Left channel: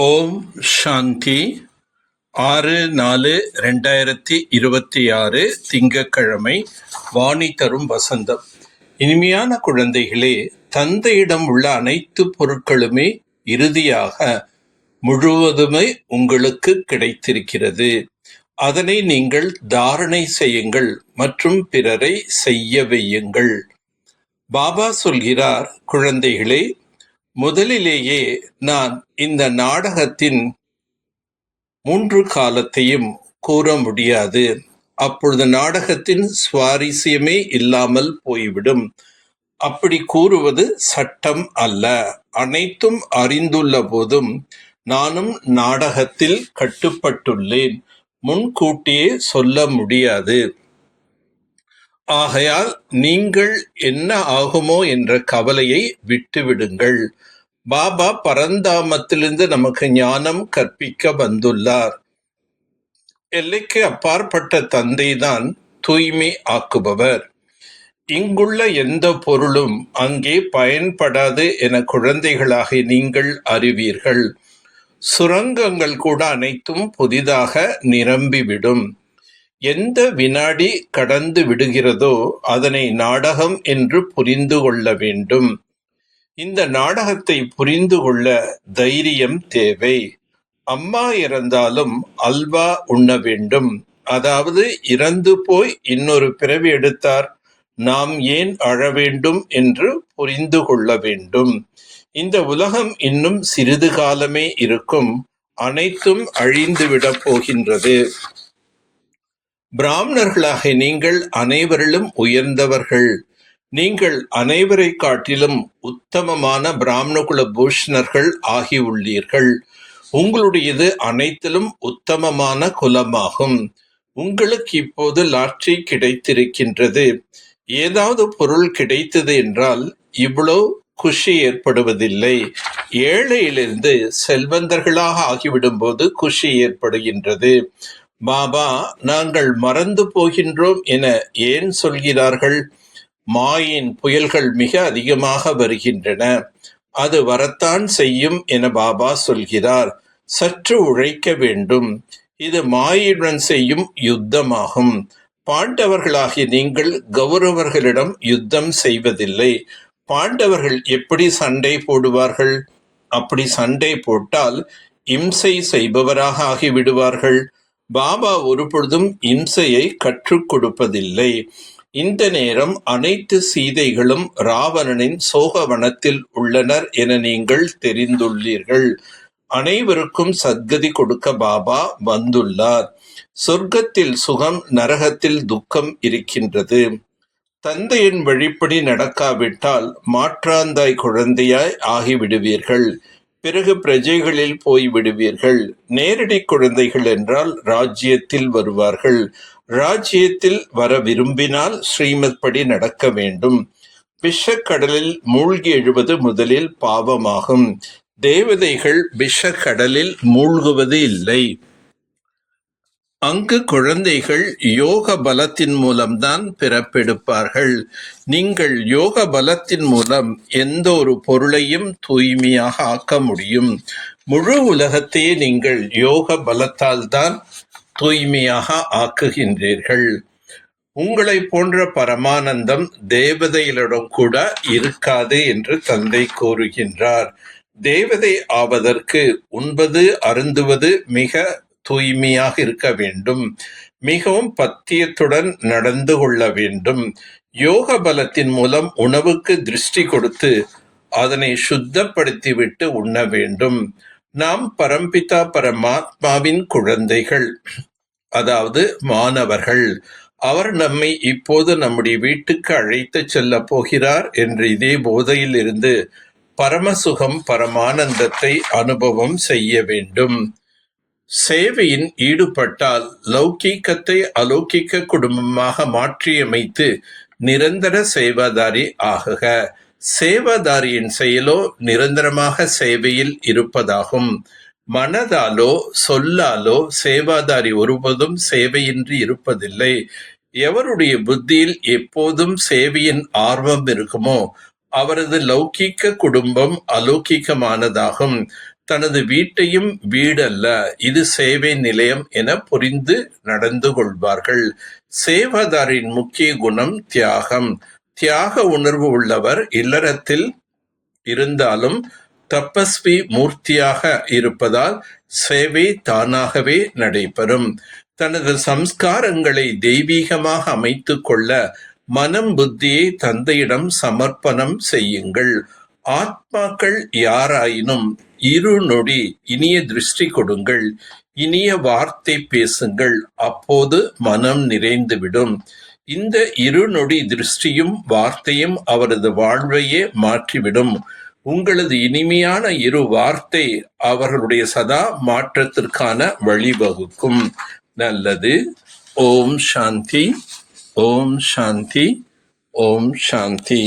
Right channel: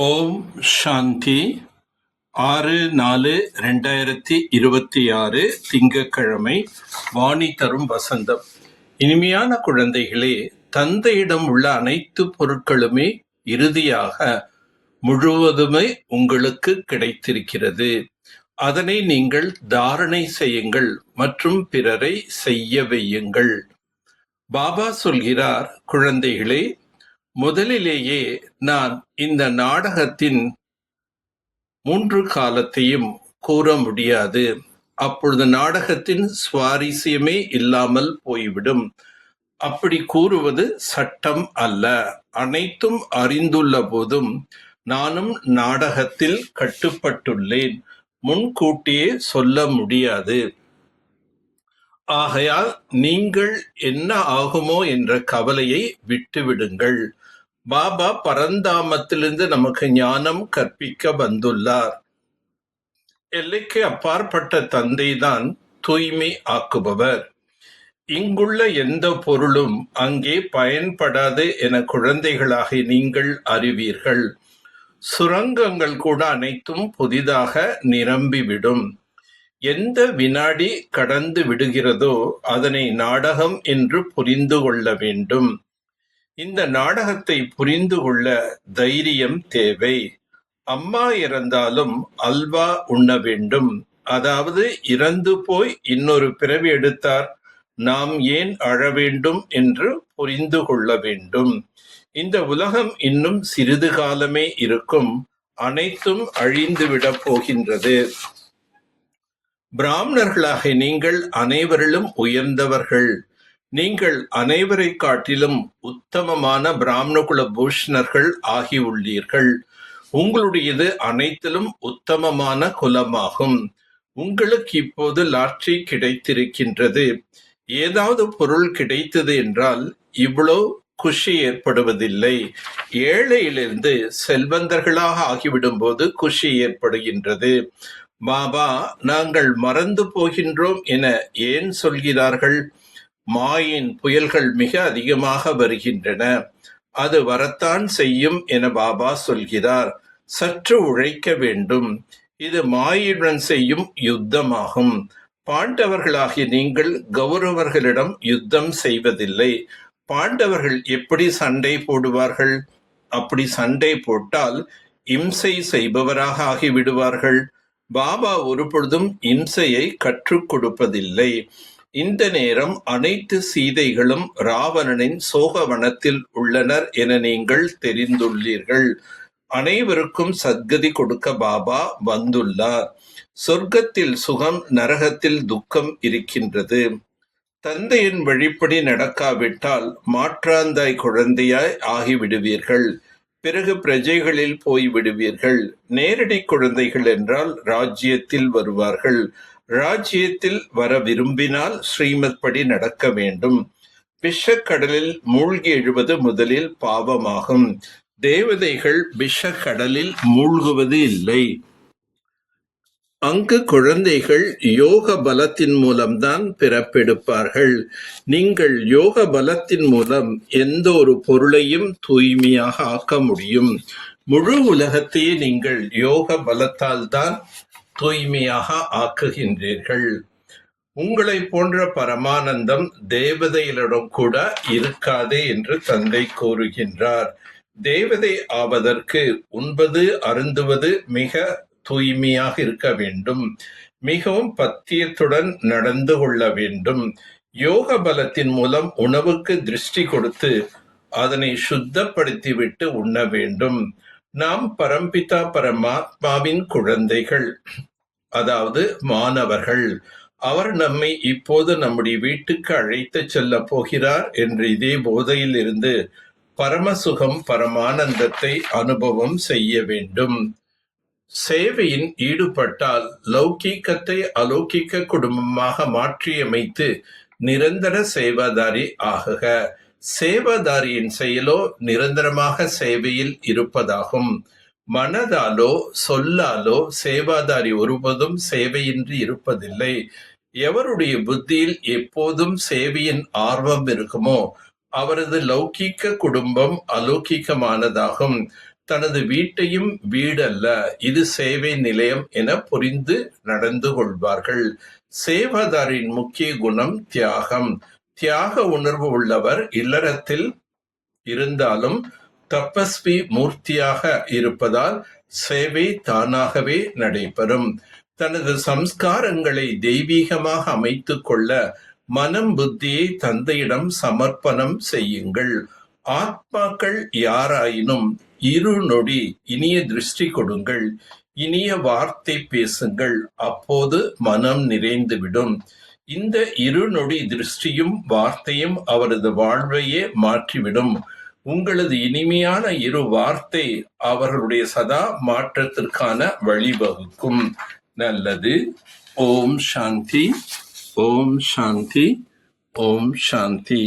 ஓம் சாந்தி. 6/4/2026 திங்கட்கிழமை. வாணி தரும் வசந்தம். இனிமையான குழந்தைகளே, தந்தையிடம் உள்ள அனைத்து பொருட்களுமே இறுதியாக முழுவதுமே உங்களுக்கு கிடைத்திருக்கிறது. அதனை நீங்கள் தாரணை செய்யுங்கள் மற்றும் பிறரை செய்ய வையுங்கள். பாபா சொல்கிறார், குழந்தைகளே, முதலிலேயே நான் இந்த நாடகத்தின் 3 காலத்தையும் கூற முடியாது. அப்பொழுது நாடகத்தின் சுவாரஸ்யமே இல்லாமல் போய்விடும். அப்படி கூறுவது சட்டம் அல்ல. அனைத்தும் அறிந்துள்ள போதும் நானும் நாடகத்தில் கட்டுப்பட்டுள்ளேன். முன்கூட்டியே சொல்ல முடியாது. ஆகையால் நீங்கள் என்ன ஆகுமோ என்ற கவலையை விட்டுவிடுங்கள். பாபா பரந்தாமத்திலிருந்து நமக்கு ஞானம் கற்பிக்க வந்துள்ளார். எல்லைக்கு அப்பாற்பட்ட தந்தைதான் தூய்மை ஆக்குபவர். இங்குள்ள எந்த பொருளும் அங்கே பயன்படாது என குழந்தைகளாக நீங்கள் அறிவீர்கள். சுரங்கங்கள் கூட அனைத்தும் புதிதாக நிரம்பிவிடும். எந்த வினாடி கடந்து விடுகிறதோ அதனை நாடகம் என்று புரிந்து கொள்ள வேண்டும். இந்த நாடகத்தை புரிந்து கொள்ள தைரியம் தேவை. அம்மா இறந்தாலும் அல்வா உண்ண வேண்டும். அதாவது இறந்து போய் இன்னொரு பிறவி எடுத்தார், நாம் ஏன் அழ வேண்டும் என்று புரிந்து கொள்ள வேண்டும். இந்த உலகம் இன்னும் சிறிது காலமே இருக்கும். அனைத்தும் அழிந்துவிடப் போகின்றது. பிராமணர்களாக நீங்கள் அனைவரிலும் உயர்ந்தவர்கள். நீங்கள் அனைவரை காட்டிலும் உத்தமமான பிராமணகுல பூஷணர்கள் ஆகியுள்ளீர்கள். உங்களுடையது அனைத்திலும் உத்தமமான குலமாகும். உங்களுக்கு இப்போது லாட்ரி கிடைத்திருக்கின்றது. ஏதாவது பொருள் கிடைத்தது என்றால் இவ்வளவு குஷி ஏற்படுவதில்லை. ஏழையிலிருந்து செல்வந்தர்களாக ஆகிவிடும் போது குஷி ஏற்படுகின்றது. பாபா நாங்கள் மறந்து போகின்றோம் என ஏன் சொல்கிறார்கள்? மாயின் புயல்கள் மிக அதிகமாக வருகின்றன. அது வரத்தான் செய்யும் என பாபா சொல்கிறார். சற்று உழைக்க வேண்டும். இது மாயுடன் செய்யும் யுத்தமாகும். பாண்டவர்களாகிய நீங்கள் கௌரவர்களிடம் யுத்தம் செய்வதில்லை. பாண்டவர்கள் எப்படி சண்டை போடுவார்கள்? அப்படி சண்டை போட்டால் இம்சை செய்பவராக ஆகிவிடுவார்கள். பாபா ஒருபொழுதும் இம்சையை கற்றுக் கொடுப்பதில்லை. இந்த நேரம் அனைத்து சீதைகளும் ராவணனின் சோகவனத்தில் உள்ளனர் என நீங்கள் தெரிந்துள்ளீர்கள். அனைவருக்கும் சத்கதி கொடுக்க பாபா வந்துள்ளார். சொர்க்கத்தில் சுகம், நரகத்தில் துக்கம் இருக்கின்றது. தந்தையின் வழிப்படி நடக்காவிட்டால் மாற்றாந்தாய் குழந்தையாய் ஆகிவிடுவீர்கள். பிறகு பிரஜைகளில் போய்விடுவீர்கள். நேரடி குழந்தைகள் என்றால் ராஜ்யத்தில் வருவார்கள். ராஜ்யத்தில் வர விரும்பினால் ஸ்ரீமத் படி நடக்க வேண்டும். விஷக்கடலில் மூழ்கி எழுவது முதலில் பாவமாகும். தேவதைகள் விஷக்கடலில் மூழ்குவது இல்லை. அங்கு குழந்தைகள் யோக பலத்தின் மூலம்தான் பிறப்பெடுப்பார்கள். நீங்கள் யோக பலத்தின் மூலம் எந்த ஒரு பொருளையும் தூய்மையாக ஆக்க முடியும். முழு உலகத்தையே நீங்கள் யோக பலத்தால் தான் தூய்மையாக ஆக்குகின்றீர்கள். உங்களை போன்ற பரமானந்தம் தேவதைகளிடம் கூட இருக்காது என்று தந்தை கூறுகின்றார். தேவதை ஆவதற்கு உண்பது அருந்துவது மிக தூய்மையாக இருக்க வேண்டும். மிகவும் பத்தியத்துடன் நடந்து கொள்ள வேண்டும். யோக பலத்தின் மூலம் உணவுக்கு திருஷ்டி கொடுத்து அதனை சுத்தப்படுத்திவிட்டு உண்ண வேண்டும். நாம் பரம்பிதா பரமாத்மாவின் குழந்தைகள், அதாவது மாணவர்கள். அவர் நம்மை இப்போது நம்முடைய வீட்டுக்கு அழைத்து செல்ல போகிறார் என்று இதே போதையில் இருந்து பரமசுகம், பரமானந்தத்தை அனுபவம் செய்ய வேண்டும். சேவையின் ஈடுபட்டால் லௌகீகத்தை அலௌகிக்க குடும்பமாக மாற்றியமைத்து நிரந்தர சேவாதாரி ஆகுக. சேவாதாரியின் செயலோ நிரந்தரமாக சேவையில் இருப்பதாகும். மனதாலோ சொல்லாலோ சேவாதாரி ஒருபோதும் சேவையின்றி இருப்பதில்லை. எவருடைய புத்தியில் எப்போதும் சேவையின் ஆர்வம் இருக்குமோ அவரது லௌகீக குடும்பம் அலௌகிகமானதாகும். தனது வீட்டையும் வீடல்ல, இது சேவை நிலையம் என புரிந்து நடந்து கொள்வார்கள். சேவாதாரின் முக்கிய குணம் தியாகம். தியாக உணர்வு உள்ளவர் இல்லறத்தில் இருந்தாலும் தபஸ்வி மூர்த்தியாக இருப்பதால் சேவை தானாகவே நடைபெறும். தனது சம்ஸ்காரங்களை தெய்வீகமாக அமைத்துக் கொள்ள மனம் புத்தியை தந்தையிடம் சமர்ப்பணம் செய்யுங்கள். ஆத்மாக்கள் யாராயினும் இருநொடி இனிய திருஷ்டி கொடுங்கள், இனிய வார்த்தை பேசுங்கள், அப்போது மனம் நிறைந்துவிடும். இந்த இருநொடி திருஷ்டியும் வார்த்தையும் அவரது வாழ்வையே மாற்றிவிடும். உங்களது இனிமையான இரு வார்த்தை அவர்களுடைய சதா மாற்றத்திற்கான வழிவகுக்கும். நல்லது. ஓம் சாந்தி, ஓம் சாந்தி, ஓம் சாந்தி.